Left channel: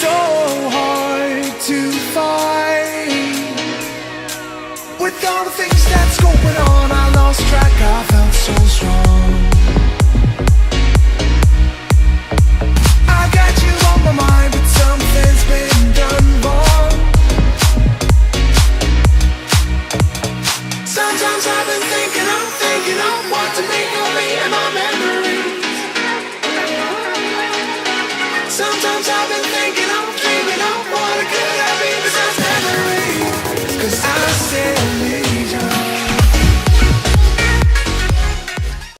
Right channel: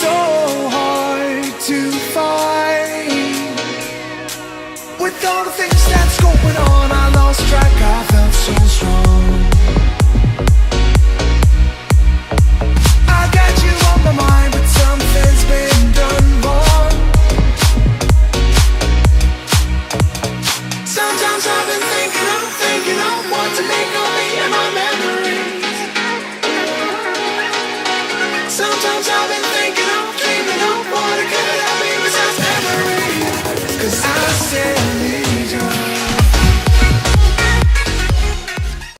so hard to find. With all the things that's going on, I lost track, I felt so strong. I got you on my mind, but something's been done wrong. Sometimes I've been thinking of what to make of me and my memories. Sometimes I've been thinking of dreaming of